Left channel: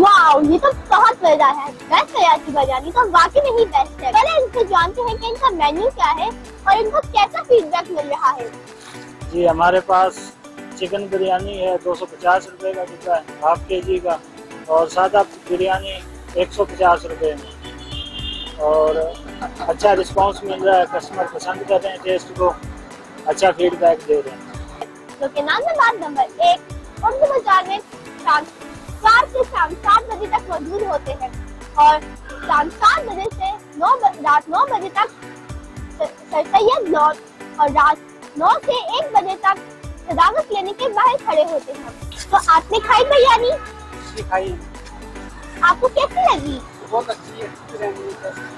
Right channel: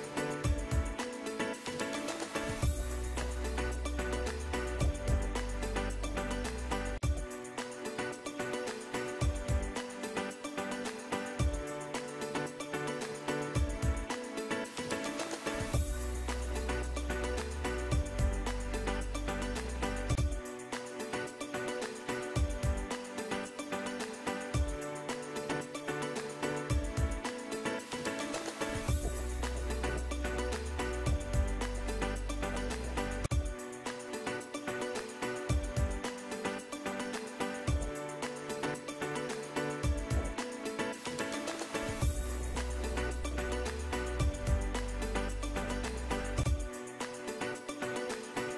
वाह, ये तो बहुत मजेदार है। बेस्ट है यार की बिरयानी तो वाकई में ही बेस्ट है। पहले इनसे जानते हैं कि इनका मेन्यू क्या है और इनको कैसा फीडबैक मिल रहा है। जी, हमारे पास चिकन बिरयानी है 250 रुपए का बिकता है हाफ के जी का, और सादा बिरयानी 150 रुपए में। और अच्छा रिस्पांस मिल रहा है, कस्टमर पसंद कर रहे हैं टेस्ट को, अच्छा फीडबैक दे रहे हैं। तो के नाम नंबर 1 उर्दू बाजार में शाम 4 से शाम 7 बजे तक मौजूद होते हैं और शाम 7 बजे से रात 9 बजे तक सर सैयद लॉज और रात 9 से 1 बजे तक सदाकत क्लिनिक के बाहर खड़े होते हैं। तो आपने खाई बिरयानी? खाई। आपको कैसी लगी? बहुत अच्छी है।